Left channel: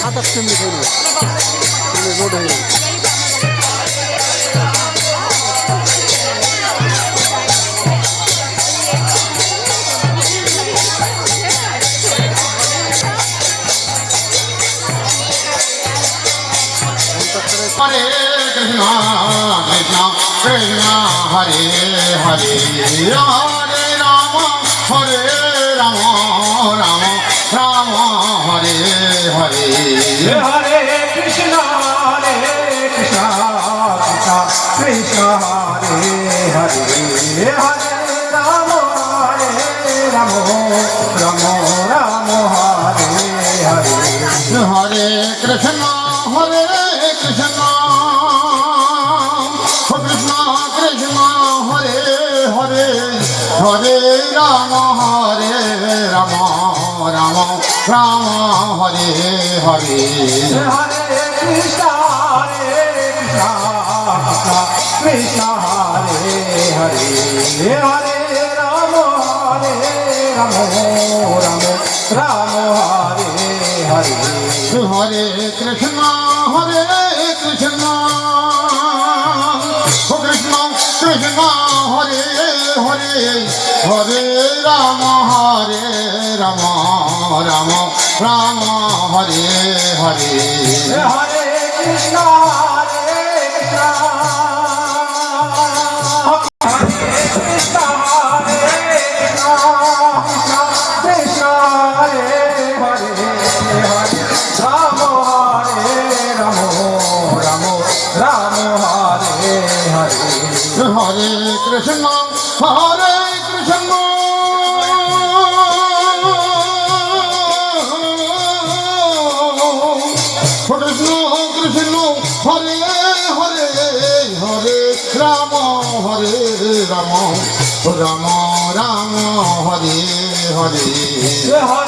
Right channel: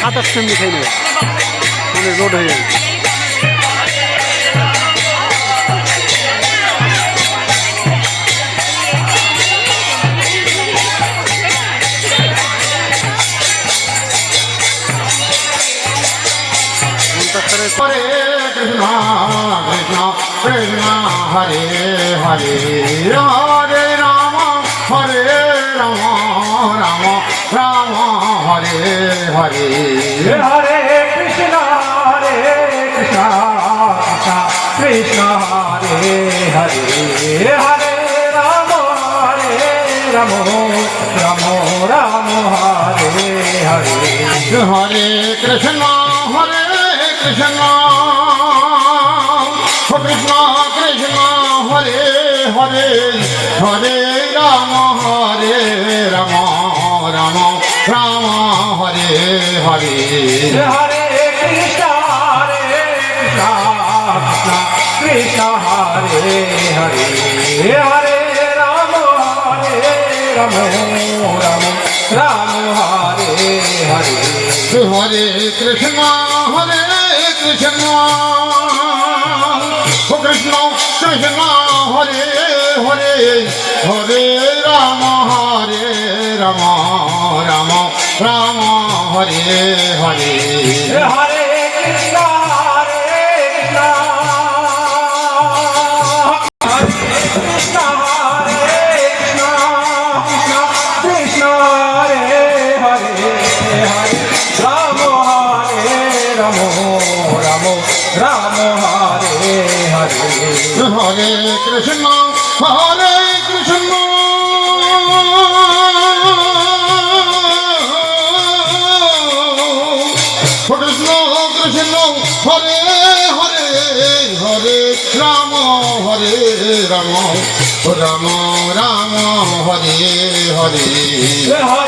সাতাশ মিনিট হয়ে মানে রোড হয়ে গেছে। হরে কৃষ্ণ কৃষ্ণ কৃষ্ণ হরে হরে হরে রাম রাম রাম রাম হরে হরে হরে কৃষ্ণ কৃষ্ণ কৃষ্ণ হরে হরে হরে রাম রাম রাম রাম হরে হরে হরে কৃষ্ণ কৃষ্ণ কৃষ্ণ কৃষ্ণ হরে হরে হরে রাম রাম রাম রাম হরে হরে হরে কৃষ্ণ কৃষ্ণ হরে হরে হরে রাম রাম রাম রাম হরে হরে হরে কৃষ্ণ কৃষ্ণ কৃষ্ণ কৃষ্ণ হরে হরে হরে রাম রাম রাম রাম হরে হরে হরে কৃষ্ণ কৃষ্ণ কৃষ্ণ হরে হরে হরে রাম রাম রাম রাম হরে হরে হরে কৃষ্ণ কৃষ্ণ কৃষ্ণ হরে হরে হরে রাম রাম রাম রাম হরে হরে